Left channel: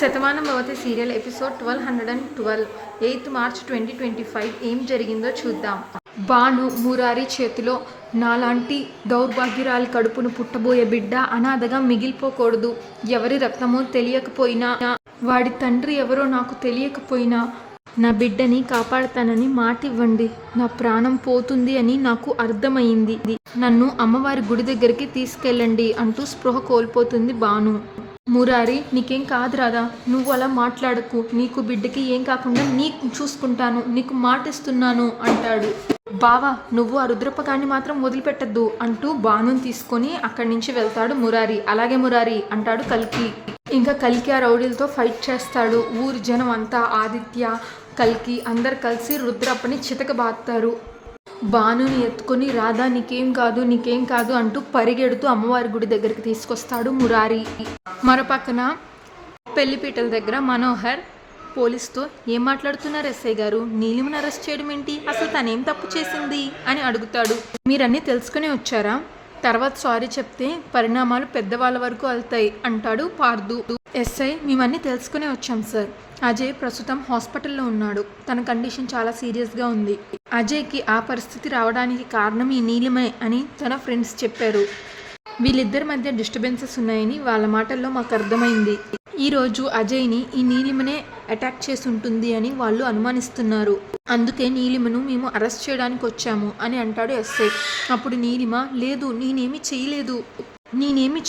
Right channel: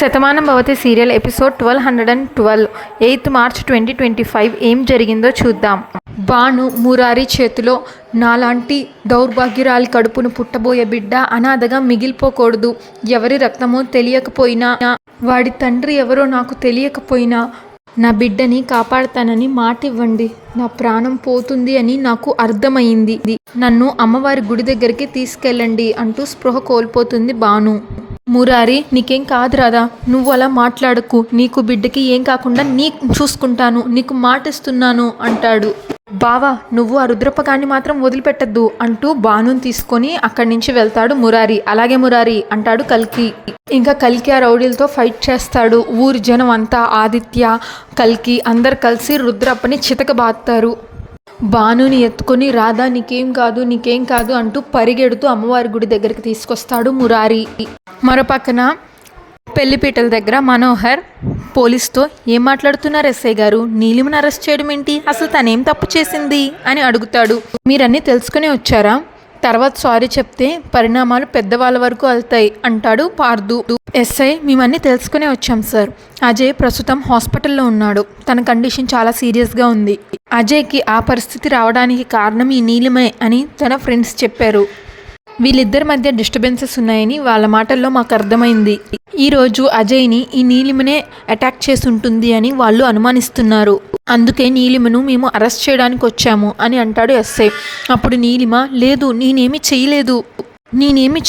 Shatamanam Bhavati serial episode 1212 8th March 2025 ఏం జరిగిందో చూద్దాం. భాను మురారి చేతిలో నాలాంటి దౌర్భాగ్యురాలి కడుపును పుట్టబోయే బిడ్డ అనాథగా మిగిలిపోకూడదు. ఎవరి రక్తమో తెలియకపోయినా, వాడి తండ్రి ఎవరో నాకు తెలియకపోయినా నా బిడ్డని కాపాడతానని మాట ఇవ్వండి. నా ప్రాణం పోతుంది అని నాకు అర్థమైంది. నన్ను అమ్మవారి గుడి దగ్గరికి తీసుకెళ్ళండి అంటూ స్పృహ కోల్పోతుంది భాను. మురారి, నీకేం కాదు రాదా, నువ్వు అలా మాట్లాడకు, నీకు బిడ్డకి ఏం కాకుండా చూసుకుంటాను, నీకు మాటిస్తున్నాను అంటాడు. బావా, నువ్వు ఆ రుద్రపగాన్ని మాత్రం వదిలిపెట్టద్దు అంటూ భానుని తీసుకొని అక్కడి నుంచి వెళ్తాడు మురారి. అలాగే మురారి అంటాడు కల్కి. ఇంకా కల్కి ఆ రౌడీలతో ఫైట్ చేస్తాడు. ఊరి జనం అంతా, ఆదిత్య, కల్కి అందరు కలిసి రుద్రప్పని చితకబాదుతారు. భానుని ఎత్తుకొని రాధా నీకేం కాదు అంటూ పరిగెడుతూ అమ్మవారి గుడి దగ్గరికి తీసుకొస్తాడు మురారి. మరోపక్కన పెళ్లిపీటల దగ్గర మనోహర్ పోలీస్తో ఏం మాట్లాడుతున్నారు ఎస్ఐ గారు, నీలిమను అరెస్ట్ చేయడం ఏంటి, అసలు తనేం తప్పు చేసింది అని అడుగుతాడు. మీరన్నీ తెలుసుకుని వచ్చారా, తర్వాత సారీ చెప్తే పరిణామాలు పెద్దవాళ్ళ వరకు వెళ్తాయి అంటాడు పార్దు. ఎస్ఐ, మేమన్నీ తెలుసుకునే వచ్చాం సార్. అజయ్ ప్రస్తుతం హాస్పిటల్లో ఉన్నాడు. తన కండిషన్ చాలా సీరియస్గా ఉంది. అజయ్కి ఆ పరిస్థితి రావడానికి కారణం ఈ నీలిమే అని తన ఫ్రెండ్స్ చెప్పారు. వీళ్ళిద్దరి మధ్య డిస్టర్బెన్సెస్ ఉన్నాయని వాళ్ళ మాటల్లో మాకు అర్థమైంది. ఈరోజు అజయ్ని ఈ నీలిమనే అటాక్ చేసి ఉంటుంది అని వాళ్ళు అనుమానిస్తున్నారు. అందుకే నీలిమను మేము అరెస్ట్ చేయడానికి వచ్చాము అని అంటాడు ఎస్ఐ. అప్పుడు నీలిమ, లేదు నేనేమి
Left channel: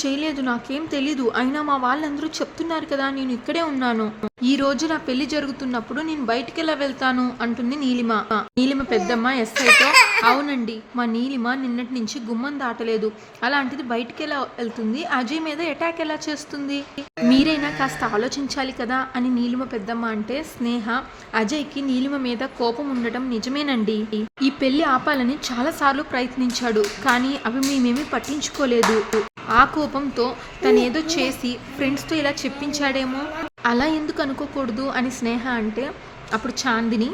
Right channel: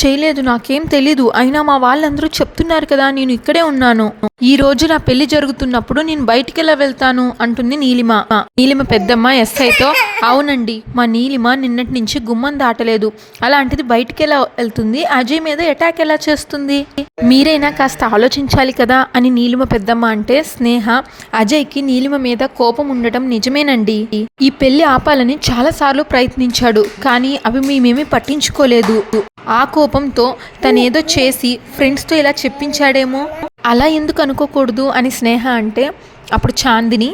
చేయలేదు, నాకేం తెలీదు, అయినా మా వాళ్ళందరూ చెప్తున్నారు కదా, నేను ఇక్కడే ఉన్నాను. ఈ రోజు నా పెళ్లి జరుగుతున్నప్పుడు నేను బయటికి ఎలా వెళ్తాను అంటుంది నీలిమ. నీలిమ పెద్దమ్మ ఎస్ఐతో, అవునండి, మా నీలిమ నిన్నటి నుంచి గుమ్మం దాటలేదు, అలాంటిది బయటికి ఎలా వెళ్తుంది, అజయ్ మీద అటాక్ ఎలా చేస్తుంది, మీరైనా కాస్త ఆలోచించాలి కదా అని నీలిమ పెద్దమ్మ అంటే, స్నేహ, అజయ్కి నీలిమ మీద కోపం ఉండటం నిజమేనండి. ఈ పెళ్లి ఆపాలని చాలాసార్లు ప్రయత్నించాడు, కానీ అవి మేమేమీ పట్టించుకోలేదు. ఆ కోపంతో తనేదో చేసి ఫ్రెండ్స్తో ఇలా చెప్పించాడేమో, అలా ఎందుకు అనుకోకూడదు అని స్నేహ అంటే, అప్పుడు చాందిని,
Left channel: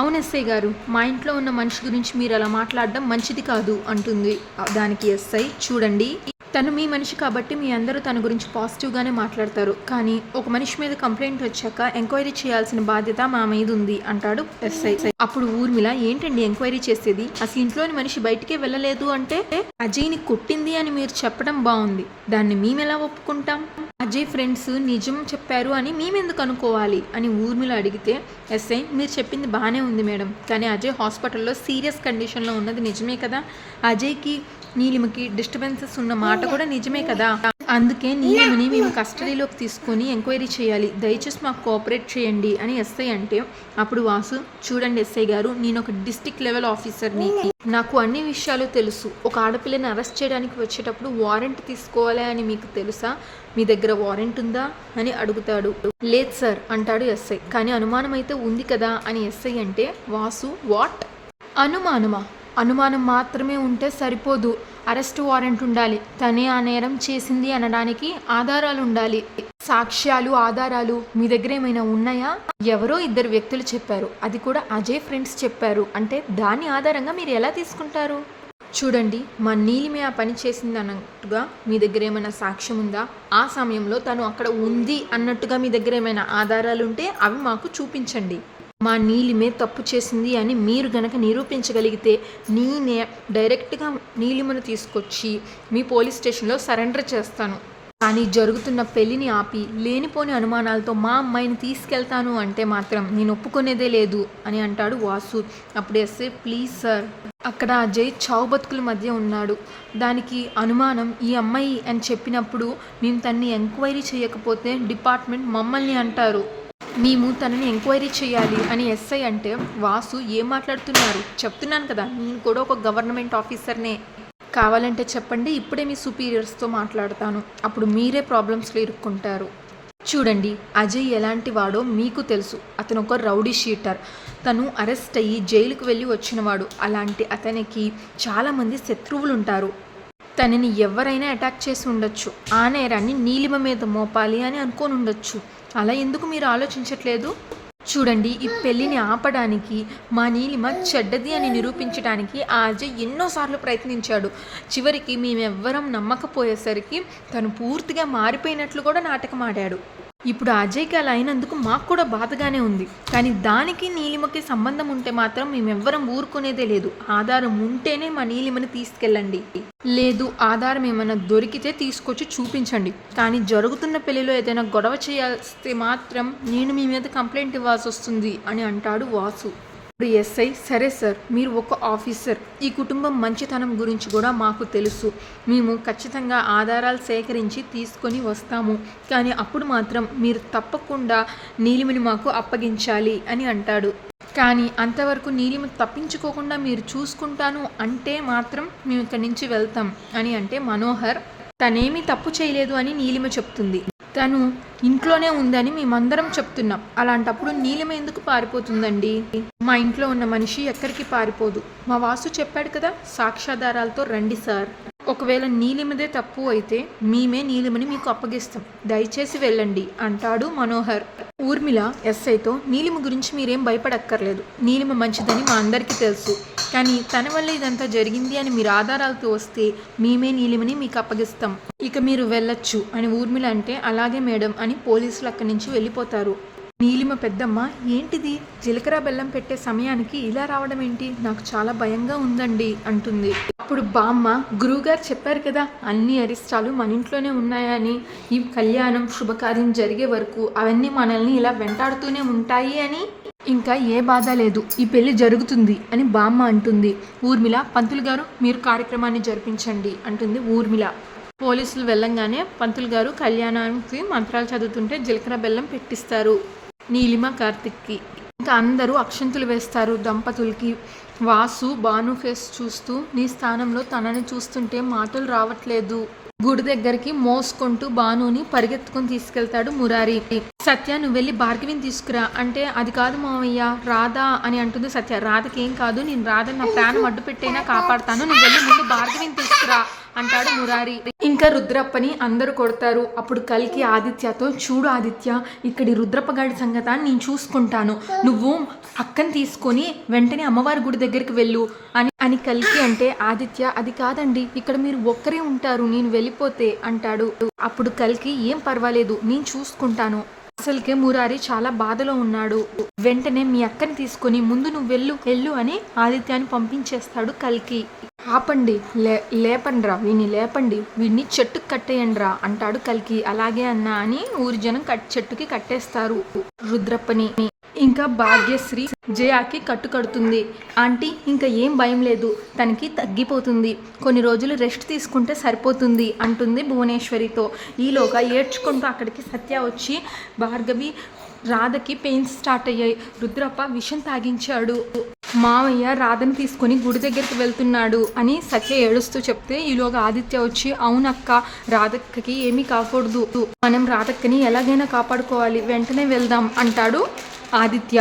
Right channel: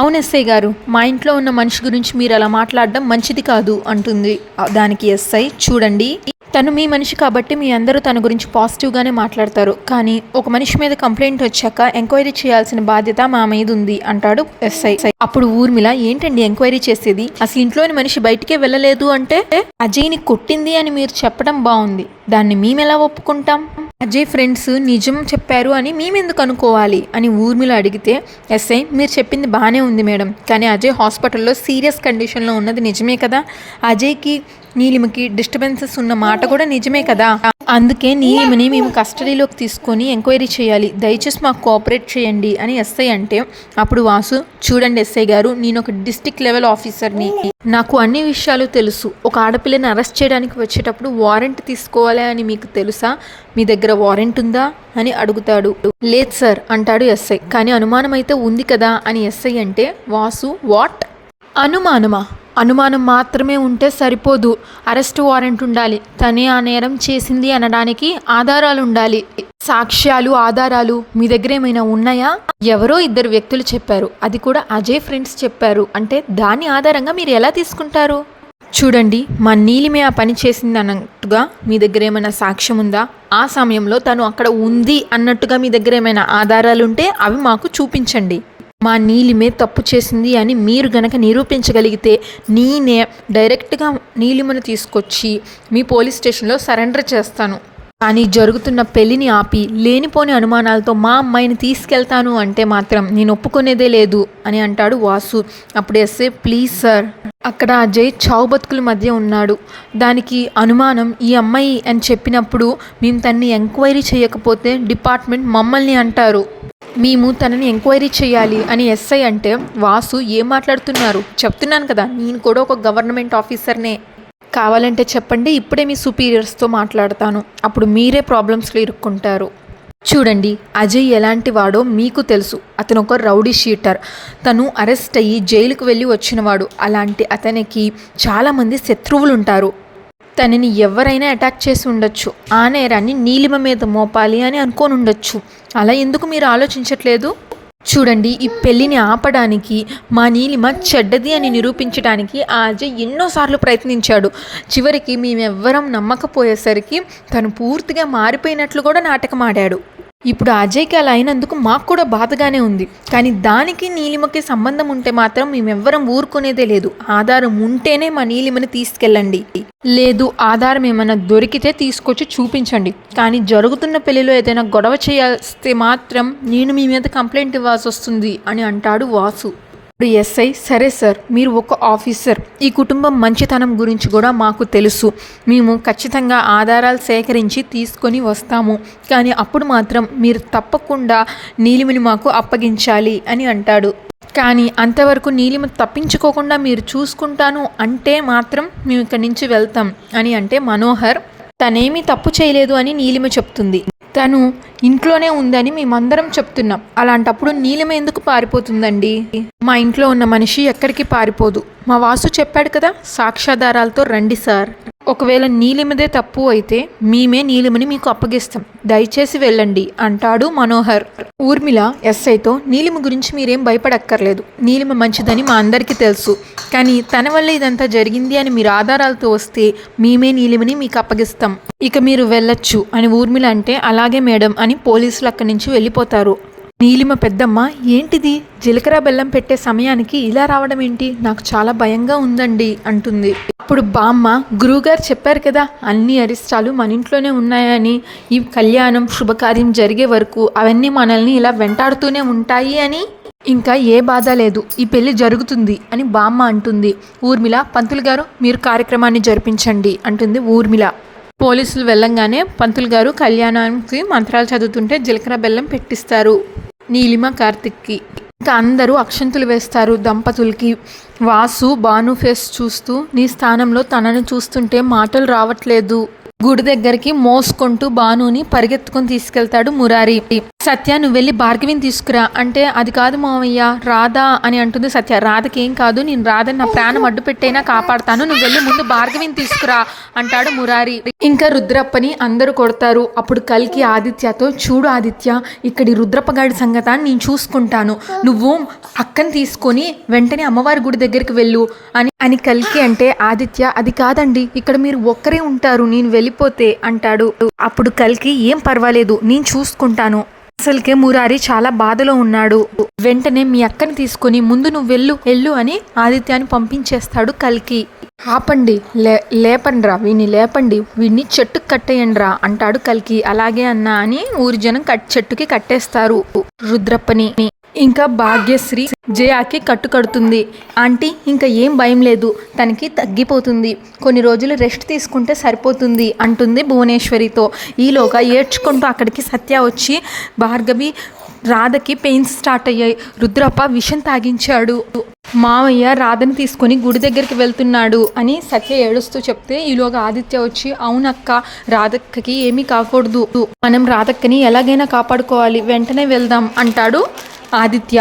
అవును ఎస్ఐ గారు, మా ఇంట్లో ఉన్న మనిషి గురించి మీరు అలా మాట్లాడడం మంచిది కాదు అంటుంది. దానికి ఎస్ఐ, చూడండి, తను మీ మనిషి కాబట్టి మీ అందరూ తన గురించి పాజిటివ్గానే మాట్లాడతారు, కానీ ఒక మనిషి మీద కంప్లైంట్ వచ్చాక ఎంక్వైరీ చేయాల్సిన బాధ్యత మా మీద ఉంది అంటాడు ఎస్ఐ. అప్పుడు ఊర్మిళ, ఏంటండి ఎంక్వైరీ చేసేది, అసలు ఇంట్లోని మనిషి బయటికే వెళ్ళలేదు అంటే అజయ్ని కొట్టింది అని మీరు చెప్పడం బాగుంది, దాన్ని మేమెలా ఒప్పుకుంటాం, అజయ్ ఫ్రెండ్స్ నిజం చెప్పారు అని మేమెందుకు అనుకోవాలి అని ఊర్మిళ అడిగితే, ఎస్ఐ, మీరు చెప్పింది బాగానే ఉంది మేడం, కానీ అజయ్ హాస్పిటల్లో సీరియస్ కండిషన్లో ఉన్నది నిజమే కదా, అజయ్కి నీలిమకి డిస్టర్బెన్సెస్ ఉన్న మాట కూడా నిజమే కదా, అందుకే నీలిమని మేము కస్టడీలోకి తీసుకొని ఎంక్వైరీ చేయాలి, దయచేసి మాకు కోఆపరేట్ చేయండి అని ఎస్ఐ అంటే, అప్పుడు వాసు, చూడండి ఎస్ఐ గారు, నేను ఒక డిస్ట్రిక్ట్ లెవెల్ ఆఫీసర్ని, నాకు అన్ని విషయాలు తెలుసు. ఒక ఆడపిల్లని అరెస్ట్ చేయడానికి వచ్చేటప్పుడు వారెంట్ తీసుకోవాలి అని మీకు తెలుసా, మీ దగ్గర వారెంట్ ఉందా అని అడుగుతాడు. లేదు సార్ అంటాడు ఎస్ఐ. కానీ అనుమానం అయితే ఉంది కదా అని ఎస్ఐ అంటే, వాసు, వాట్, అనుమానం మాత్రమే ఉంటే సరిపోదు, అరెస్ట్ వారెంట్ ఉండాలి, తనే ఆ నేరం చేసింది అనడానికి ఆధారాలు ఉండాలి, సాక్ష్యాలు, ఆధారాలు మీ దగ్గర ఏమైనా ఉన్నాయా, ఎవరో 2 వ్యక్తులు చెప్పారు, అది కూడా అజయ్ ఫ్రెండ్స్ చెప్పారు అంటే దాని ఆధారంగా మీరు ఎలా తీసుకుంటారు, చూడండి, మా నీలిమే ఆ పని చేసింది అన్నట్టుగా మీ దగ్గర ఏమైనా సాక్ష్యం ఉందా, ఆ సమయంలో తను అక్కడ ఉంది అన్నట్టుగా మీ దగ్గర ఏమైనా ఆధారాలు ఉంటే అవి మాకు చూపించండి, మా నీలిమే తప్పు చేసింది అని మీరు గనక నిరూపించగలిగితే నేనే డైరెక్ట్గా నీలిమను తీసుకొచ్చి మీ పోలీస్ స్టేషన్లో సరెండర్ చేస్తాను, కానీ జరుగుతున్న పెళ్లిని ఆపి లేనిపోని అనుమానాలతో మా అమ్మాయిని తీసుకెళ్తాను అంటే మాత్రం నేను ఒప్పుకునేదే లేదు అని అంటాడు వాసు. అప్పుడు ఎస్ఏ, ప్లీజ్ సార్, అక్కడ అజయ్ చావు బతుకుల మధ్య ఉన్నాడు, దానికి అనుమానం ఈ అమ్మాయి అని చెప్పినప్పుడు మేము తనని ఎంక్వైరీ చేయకపోతే డిపార్ట్మెంట్ మమ్మల్ని అంటారు, మేము తనని ఎంక్వైరీ చేయాలి అని ఎస్ఐ అంటే, వాసు, ఏం మాట్లాడుతున్నారు, చెప్తున్నాను కదా, నేను కూడా ఒక గవర్నమెంట్ ఆఫీసర్నే, కావాలంటే చెప్పండి, ఇప్పుడే మీ సుపీరియర్స్తో మాట్లాడతాను, అప్పుడు మీరే ప్రాబ్లమ్స్లో ఇరుక్కుంటారు. చూడండి, అజయ్ ఎలాంటి వాడో మీకు తెలుసు, అతను ఒక రౌడీ షీటర్, తను అరెస్ట్ అయ్యి జైలుకు వెళ్ళి వచ్చినవాడు, అలాంటి అతనికి చాలామంది శత్రువులు ఉంటారు, తనని ఎవరైనా అటాక్ చేసి ఉండొచ్చు, ఆ నేరాన్ని నీలిమ మీద మోపాలి అని అనుకోని ఉండొచ్చు, అలా ఎందుకు మీరు ఆలోచించట్లేదు, చూడండి, ఈ పెళ్ళిని ఆపడానికి మా నీలిమ చెడ్డది అని నిరూపించడానికి ఆ అజయ్ ఎన్నోసార్లు ప్రయత్నించాడు, చివరికి మేమెవ్వరం నమ్మకపోయేసరికి తను పూర్తిగా మారిపోయినట్లు కూడా నాటకం ఆడాడు, ఇప్పుడు అజయ్కి అలా అయినందుకు మాకు కూడా బాధగానే ఉంది. కానీ దానికి నీలిమకి సంబంధం ఉంటే మాత్రం మేమెవ్వరం ఊరుకునేదే లేదు. ఆధారం ఉంటేనే మా నీలిమని తీసుకెళ్ళండి, లేదు ఆధారం ఏమైనా దొరికితే తీసుకొచ్చి చూపించండి. కానీ జరుగుతున్న పెళ్లిలో ఏదైనా గొడవ చేస్తే మాత్రం నేను మీ మీద కంప్లైంట్ ఇవ్వాల్సి వస్తుంది అని అంటాడు వాసు. ఇప్పుడు ఎస్ఐ, సరే సార్, మీరు ఒక ఆఫీసర్, ఈ కుటుంబం మంచితనం గురించి కూడా మాకు తెలుసు, మేము ఖచ్చితంగా ఆధారాలు సేకరించి తీసుకొని వస్తాము. కానీ అప్పుడు మాత్రం మీరు తప్పకుండా నీలిమని మాకు అప్పగించాలి అని అంటాడు. కానీ అంతవరకు నీలిమ తప్పించుకోకుండా మీరు చూసుకుంటాను అంటే మాత్రం మేము ఇక్కడి నుంచి వెళ్తాం అని అంటే మనోహర్ తనేమీ తప్పు చేయలేదు అని నీలిమ చెప్తుంది. తను ఇంట్లోనే ఉందని మేమందరం చెప్తున్నాం. అలాంటప్పుడు నీలిమ ఎందుకు పారిపోతుందండి? మా ఇంట్లో ఉన్న మనిషి ఎక్కడికి పారిపోదు. మా వాసు చెప్పాడు కదా, సాక్ష్యాధారాలతో రండి సార్. ఒకవేళ నీలిమదే తప్పు అయితే మేమే నీలిమని మీకు అప్పగిస్తాం, దయచేసి వెళ్ళండి అంటాడు మనోహర్. ఊర్మిళ ఎస్ఐతో, నీలిమ గురించి మీరేం భయపడక్కర్లేదు, నీలిమ మంచిదని మా అందరికీ తెలుసు. కానీ తన వల్ల ఇదంతా జరిగింది అని మీరు ఆధారాలతో వస్తే మేమే నీలిమని మీకు అప్పగిస్తాం, ఇక మీరు వెళ్ళొచ్చు అని ఊర్మిళ అంటే, అలాగే మేడం అని పోలీసులు అక్కడి నుంచి వెళ్ళిపోతారు. నీలిమ పెద్దమ్మ, ఏంటిది జీలకర్ర బెల్లం పెట్టే సమయానికి ఇలా రావడం ఏంటి? నాకు చాలా భయంగా ఉందండి అంటుంది. అప్పుడు బామ్మ, గురువుగారు చెప్పారు కదా అన్ని అరిష్టాలు మన ఇంట్లోనే ఉన్నాయని, ఈ కళ్యాణం శుభకార్యం జరిగే వరకు అవన్నీ మనల్ని ఇలా వెంటాడుతూనే ఉంటాయి అని, ఇంకా ఏ బాధ లేదు, ఈ పెళ్లి జరుగుతుంది అని బామ్మ అంటుంది. ఊర్మిళ, పంతులు గారు మీరు కార్యక్రమాన్ని జరిపించండి అంటుంది ఊర్మిళ. పోలీసులు వెళ్ళంగానే పంతులు గారు కళ్యాణానికి మంత్రాలు చదువుతుంటే జీలకర్ర బెల్లం పెట్టిస్తారు నీలిమ కార్తిక్కి. ఇంకా అందరూ అక్షంతులు వేస్తారు దంపతులకి. వాసు భాను ఫేస్ చూస్తూ, నీ స్థానంలో తనని చూస్తుంటే మాటలు రావట్లేదు. గుడి దగ్గరికి మోసుకుంటూ భానుని పరిగెత్తుకొని తీసుకెళ్తాడు మురారి. సత్య, నువ్వు వెళ్ళి భార్గవిని తీసుకురా అంటే, అది కాదు మావయ్య, రాధా అని అంటుంది సత్య. రాధకి ఏం కాదు, నేను రాధని నా ప్రాణం అడ్డు పెట్టైనా కాపాడతాను, నువ్వు వెళ్ళి ముందు భార్గవిని తీసుకురా అంటాడు మురారి. ఇంకా రుద్రప్పని అందరూ కొడతారు. అప్పుడు కల్కి ఆదిత్యతో, చూడు ఆదిత్య, ఇక్కడి రుద్రప్పగాడి సంగత నేను చూసుకుంటాను, నువ్వు అక్కని తీసుకొని వెంటనే అమ్మవారి గుడి దగ్గరికి వెళ్ళు అని కల్కి అంటే, ఆదిత్య అది కాదండి, ఇక్కడ మీరు ఒక్కరే ఉంటారు, నేను వెళ్ళిపోతే అంటాడు. అప్పుడు కల్కి, ఏం పర్వాలేదు నేను చూసుకుంటాను. అసలుకే మురారి చాలా బాధలో ఉన్నాడు. వెంటనే మీ అక్కని తీసుకొని ముందు నువ్వు వెళ్ళు అని ఆదిత్యాన్ని పంపించేస్తాడు కల్కి. ఆపండి, లేపండ్రా వీడిని, లేపండి, వీడిని చెట్టుకు కట్టేయండ్రా అంటాడు కల్కి. అలాగే అన్నా అని ఊరి జనం చెట్టుకి కట్టేస్తారు రుద్రప్పని. ఇంకా భాగ్యశ్రీ జయాకి కట్టుకడుతుంది. ఆంటీ, ఇంకా ఏం భయం లేదు, తనకి తగ్గిపోతుంది, కొన్ని రోజులు రెస్ట్ తీసుకుంటే సరిపోతుంది అంటుంది భువనేశ్వరితో. ఈలోగా ఏడ్చుకుంటూ అక్కడికి సత్య వచ్చి, భార్గవి, రాధకి పెయిన్స్ స్టార్ట్ అయ్యాయి, రుద్రప్ప విషం తాగించాడు, మావయ్య రాధని తీసుకొని గుడి దగ్గరికి వెళ్తున్నాడు అని సత్య ఏడుస్తూ చెప్తే, ఈలోగా ఆదిత్య వచ్చి, అవునక్క, రాధక్కకి ఏమీ కాకూడదు, మనం రాధక్కని ఎలాగైనా కాపాడుకోవాలి, వెంటనే వెళ్దాం అంటాడు ఆదిత్య.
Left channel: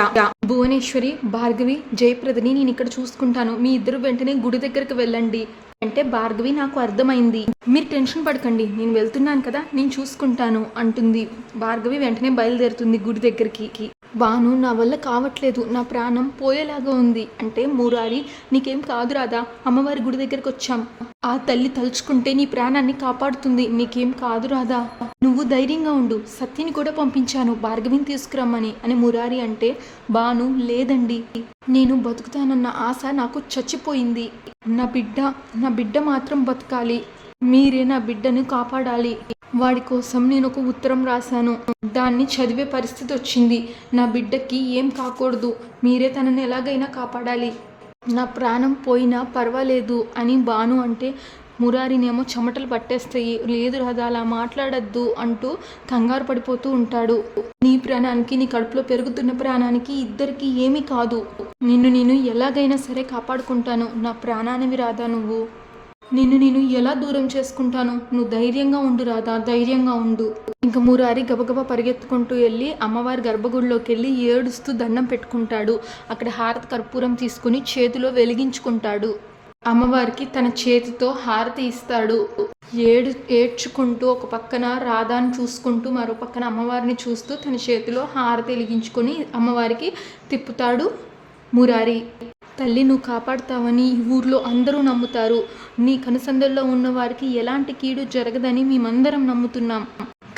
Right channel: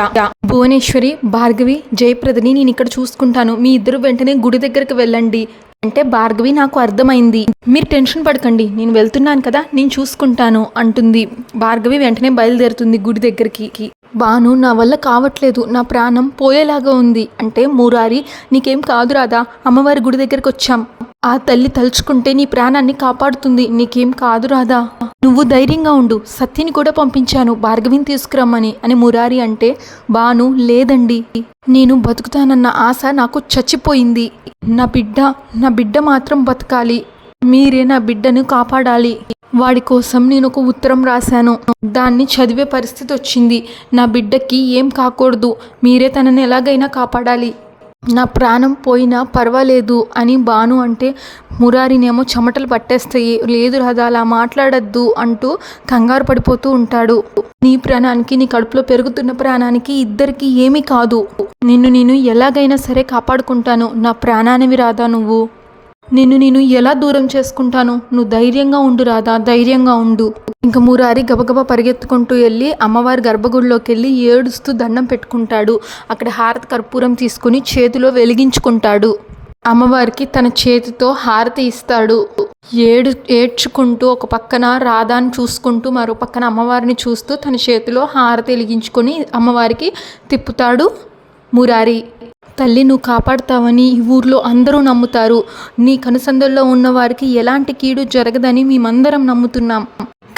భువనేశ్వరి, భార్గవి, జయప్రదని నేను ఇక్కడ చూసుకుంటాను, మీ ఇద్దరు వెంటనే గుడి దగ్గరికి వెళ్ళండి అంటే, భార్గవి నాకు అర్థమైంది, మీరు టెన్షన్ పడకండి, నేను వెళ్తున్నాను కదా, నేను చూసుకుంటాను అంటుంది. భార్గవి వెంటనే బయలుదేరుతుంది గుడి దగ్గరికి. బాను, నా వల్ల కావట్లేదు, నా ప్రాణం పోయేలాగా ఉంది అంటే, మురారి, నీకేం కాదు రాదా, అమ్మవారి గుడి దగ్గరికి వచ్చాం, ఆ తల్లి తలుచుకుంటే నీ ప్రాణాన్ని కాపాడుతుంది, నీకేం కాదు రాదా, నువ్వు ధైర్యంగా ఉండు, సత్యని కూడా పంపించాను భార్గవిని తీసుకురమ్మని అని మురారి అంటే, బాను, లేదండి, నేను బతుకుతానన్న ఆశ నాకు చచ్చిపోయింది, నా బిడ్డ మాత్రం బతకాలి, మీరే నా బిడ్డను కాపాడాలి, వాడి కోసం నేను ఒక ఉత్తరం రాశాను, దాన్ని చదివే పరిస్థితి వచ్చింది, నా బిడ్డకి ఏం కాకూడదు, మీరే తనని ఎలాగైనా కాపాడాలి, నా ప్రాణం పోయినా పర్వాలేదు అని బాను అంటే, మురారినేమో చెమటలు పట్టేస్తాయి, లేదు రాదా అలా మాట్లాడద్దు అంటూ కంగారు పడిపోతూ ఉంటాడు. నీ ప్రాణానికి, నీ కడుపులో పెరుగుతున్న ప్రాణానికి ఇద్దరికి ఏమీ కాదు, నేను ఎలాగైనా సరే కాపాడుకుంటాను, నా ప్రాణానివి రాదా నువ్వు, నేను ఎలా దూరం చేసుకుంటాను, నువ్వు ధైర్యంగా ఉండు రాదా, ధైర్యంగా ఉండు. ఇంకా మురారి గబగబా పరిగెత్తుకుంటూ వెళ్ళి అమ్మవారి గర్భగుడిలోకి వెళ్ళి ఏడుస్తూ దండం పెట్టుకుంటాడు. అక్కడ హారతి కర్పూరం తీసుకుని చేతిలో వెలిగించుకుంటాడు. అమ్మవారికి తన చేతితో హారతి ఇస్తాడు. ఏడ్చుకుంటూ ఒక పక్కన రాధాని చూసుకుంటూ మరో పక్కన అమ్మవారిని చూస్తూ తన చేతిలో హారతి వెలిగించుకొని అమ్మవారికి తిప్పుతాడు మురారి. తల్లి, నువ్వు కాపాడుతావని ఈ ఊర్లో అందరూ నమ్ముతారు, నీ కనుసందుల్లో ఉన్న వారికి ఎలాంటి కీడు జరగదని మేమందరం నమ్ముతున్నాం,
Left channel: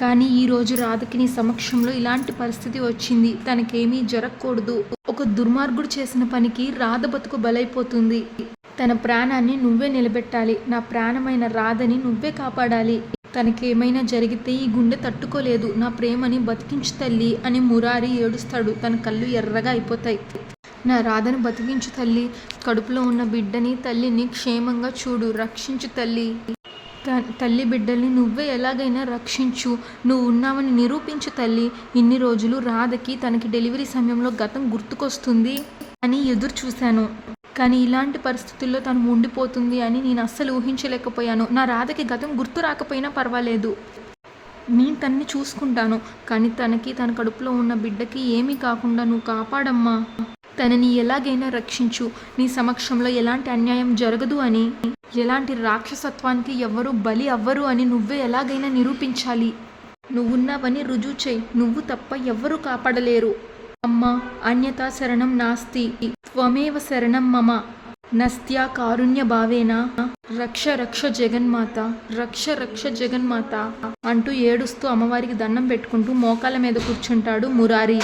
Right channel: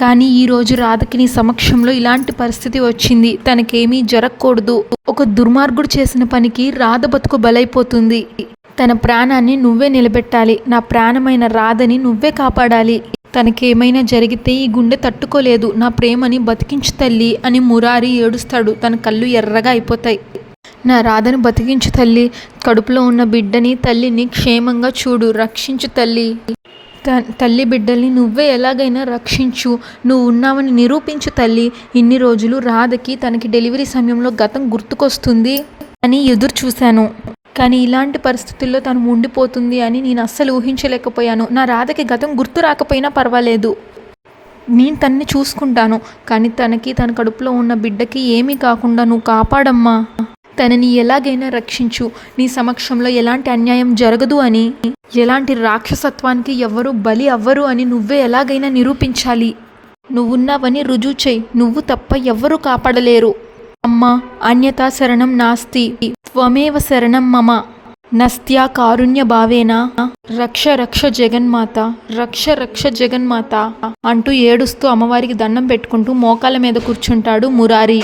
కానీ ఈరోజు రాధకి నీ సమక్షంలో ఇలాంటి పరిస్థితి వచ్చింది. తనకేమీ జరగకూడదు. ఒక దుర్మార్గుడు చేసిన పనికి రాధ బతుకు బలైపోతుంది. తన ప్రాణాన్ని నువ్వే నిలబెట్టాలి. నా ప్రాణమైన రాధని నువ్వే కాపాడాలి. తనకేమైనా జరిగితే ఈ గుండె తట్టుకోలేదు. నా ప్రేమని బతికించు తల్లి అని మురారి ఏడుస్తాడు. తన కళ్ళు ఎర్రగా అయిపోతాయి. నా రాధను బతికించు తల్లి. కడుపులో ఉన్న బిడ్డని తల్లిని క్షేమంగా చూడు. రక్షించు తల్లి. తల్లి బిడ్డల్ని నువ్వే ఎలాగైనా రక్షించు. నువ్వు ఉన్నావని నిరూపించు తల్లి. ఇన్ని రోజులు రాధకి తనకి డెలివరీ సమయంలో గతం గుర్తుకొస్తుంది అని ఎదురు చూశాను. కానీ ఇలాంటి పరిస్థితుల్లో తను ఉండిపోతుంది అని నేను అస్సలు ఊహించలేకపోయాను. నా రాధకి గతం గుర్తు రాకపోయినా పర్వాలేదు, నేను తన్ని చూసుకుంటాను. కానీ తనకి తన కడుపులో ఉన్న బిడ్డకి ఏమీ కాకుండా నువ్వు కాపాడమ్మా. తనని ఎలాగైనా రక్షించు. నీ సమక్షంలో ఎలాంటి అన్యాయం జరగదు అని, ఎలాంటి రాక్షసత్వానికి ఎవ్వరూ బలి అవ్వరు అని నువ్వే ఎలాగైనా నిరూపించాలి. నువ్వున్నావని రుజువు చెయ్యి. నువ్వు తప్ప ఎవ్వరూ కాపాడలేరు. అమ్మా, అన్యతా శరణం నాస్తి, త్వమేవ శరణం మమ, నస్త్యా కారుణ్య భావేన రక్ష రక్ష జగన్మాత, రక్ష రక్ష జగన్మాత అంటూ ఏడుస్తూ అమ్మవారికి దండం పెట్టుకుంటూ మోకాళ్ళ మీద కూర్చుంటాడు మురారి.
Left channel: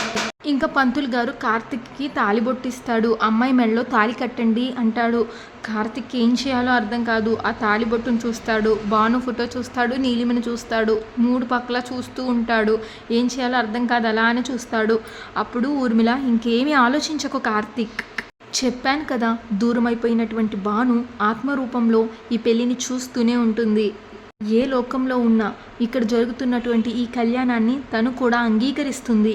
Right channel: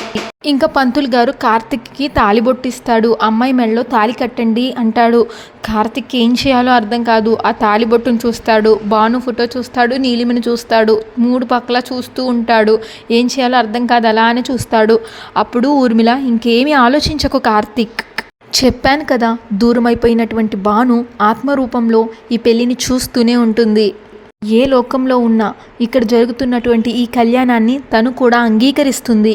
ఇంకా పంతులు గారు కార్తిక్కి తాలిబొట్టిస్తాడు. అమ్మాయి మెడలో తాలి కట్టండి అంటాడు. కార్తిక్ ఏం చేయాలో అర్థం కాదు. ఆ తాలిబొట్టును చూస్తాడు, భాను ఫోటో చూస్తాడు, నీలిమని చూస్తాడు. మూడు పక్కల చూస్తూ ఉంటాడు. ఏం చేయాలో అర్థం కాదు, అలానే చూస్తాడు. అప్పుడు ఊర్మిళ, ఇంకేమీ ఆలోచించకు కార్తిక్, చెప్పాను కదా, దూరమైపోయినటువంటి భాను ఆత్మరూపంలో ఈ పెళ్ళిని చూస్తూనే ఉంటుంది. ఏ లోకంలో ఉన్నా ఇక్కడ జరుగుతున్నటువంటి ఈ కళ్యాణాన్ని తను కూడా అంగీకరిస్తుంది.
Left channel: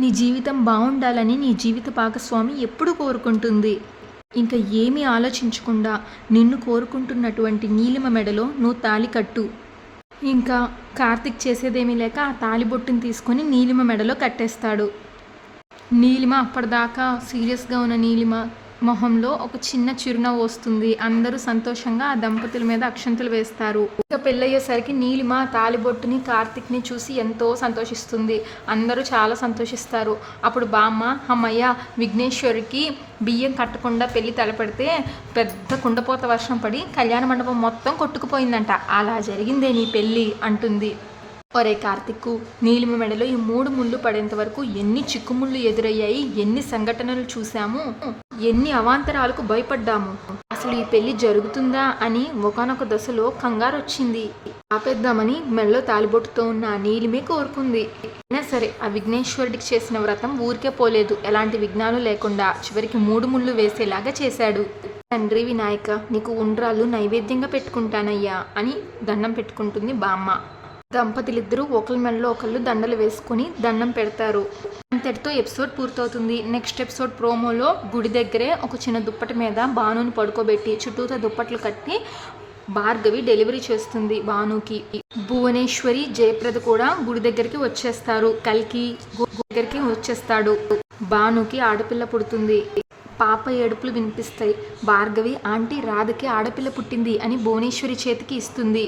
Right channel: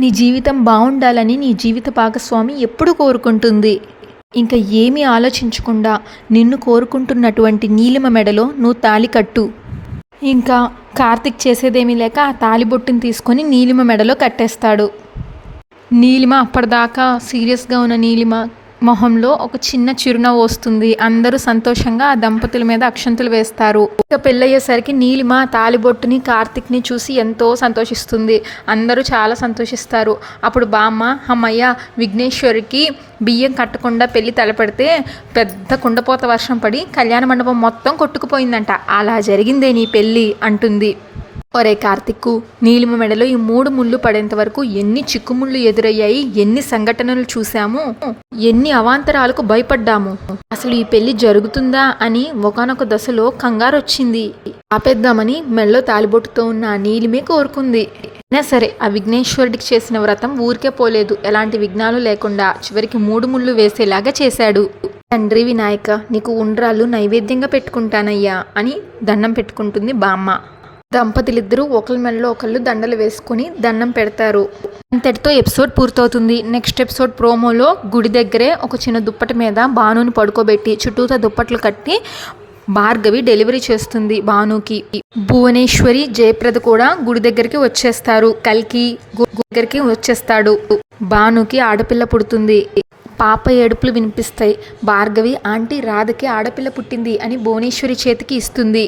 నీ జీవితం బాగుండాలని నీ జీవిత భాగస్వామి ఎప్పుడు కోరుకుంటుంది. ఇంకా ఏమీ ఆలోచించకుండా నిన్ను కోరుకుంటున్నటువంటి నీలిమ మెడలో నువ్వు తాళి కట్టు. ఇంకా కార్తిక్ చేసేదేమీ లేక ఆ తాలిబొట్టుని తీసుకొని నీలిమ మెడలో కట్టేస్తాడు. నీలిమ అప్పటిదాకా సీరియస్గా ఉన్న నీలిమ మొహంలో ఒక చిన్న చిరునవ్వు వస్తుంది. అందరూ సంతోషంగా ఆ దంపతుల మీద అక్షంతలు వేస్తారు. ఇక పెళ్ళయ్యేసరికి నీలిమ తాలిబొట్టుని కార్తిక్ని చూసి ఎంతో సంతోషిస్తుంది. అందరూ చాలా సంతోషిస్తారు. అప్పుడు బామ్మ, అమ్మయ్య, విఘ్నేశ్వరికి బియ్యం కట్టకుండా పెళ్ళి తలపెడితే పెద్ద కుండపోత వర్షం పడి కళ్యాణ మండపం మొత్తం కొట్టుకుపోయిందంట. అలా జరిగిందే నీ పెళ్ళి అంటుంది. ఒరే కార్తిక్కు, నీలిమ మెడలో ఈ 3 ముళ్ళు పడేంత వరకు ఎన్ని చిక్కుముళ్ళు ఎదురయ్యాయి, ఎన్ని సంఘటనలు చూశాము, ఎన్ని అవాంతరాలకు భయపడ్డాము. అసలు ఈ పెళ్లి జరుగుతుందా అని ఒకానొక దశలో కంగారు వచ్చింది. ఆపేద్దామని మెడలో తాలిబొట్టుతో ఉన్న నీలిమే కోరుకుంది. అయినా సరే ఆ విఘ్నేశ్వరుడికి చేసిన వ్రతం ఊరికే పోలేదు. ఎలాంటి విఘ్నాలు లేకుండా చివరికి 3 ముళ్ళు వేసేలాగా చేశాడు. తండ్రి వినాయక, నీకు ఉండ్రాళ్ళు నైవేద్యంగా పెట్టుకుంటానయ్యా అని దండం పెట్టుకుంటుంది బామ్మ. దంపతులిద్దరూ ఒకరి మెడలో ఒకళ్ళు దండలు వేసుకుని దండం పెడతారు. అంతటితో ఎపిసోడ్ పూర్తవుతుంది. నెక్స్ట్ ఎపిసోడ్ ప్రోమోలో గుడి దగ్గరే ఒక చిన్న దుప్పటి మీద భానుని పడుకోబెట్టి చుట్టూతా దుప్పట్లు కట్టి భార్గవి డెలివరీ చేస్తుంది భానుకి. భువనేశ్వరి, జయప్రద కూడా గుడి దగ్గరికి వచ్చేస్తారు. కల్కి దగ్గరికి వచ్చేస్తాడు. భానుకి ఆడపిల్ల పుడుతుంది. పాప ఏడుపులు వినిపిస్తాయి. భార్గవి, ఆంటీ రాధకి ఆడపిల్ల పుట్టింది అని భువనేశ్వరి చేతికి ఇస్తుంది.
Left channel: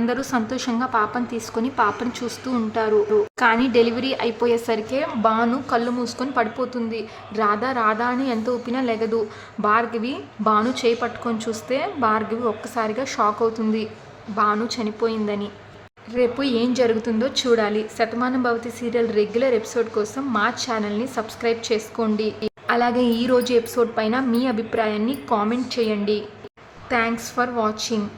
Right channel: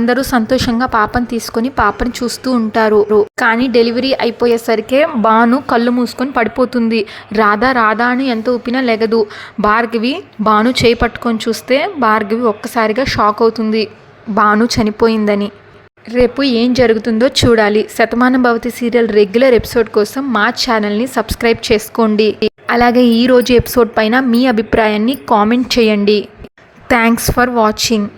అందరూ సంతోషంగా పాపను తీసుకొని పాపను చూస్తూ ఉంటారు. కానీ డెలివరీ అయిపోయేసరికే భాను కళ్ళు మూసుకొని పడిపోతుంది. రాధా రాధా అని ఎంత ఊపినా లెగదు. భార్గవి భాను చేయి పట్టుకొని చూస్తే భార్గవి ఒక్కసారిగా షాక్ అవుతుంది, భాను చనిపోయిందని. రేపు ఏం జరుగుతుందో చూడాలి. Shatamanam Bhavati serial regular episode కోసం మా ఛానల్ని సబ్స్క్రైబ్ చేసుకోండి. అలాగే ఈరోజు ఎపిసోడ్ పైన మీ అభిప్రాయాన్ని కామెంట్ చేయండి. Thanks for watching.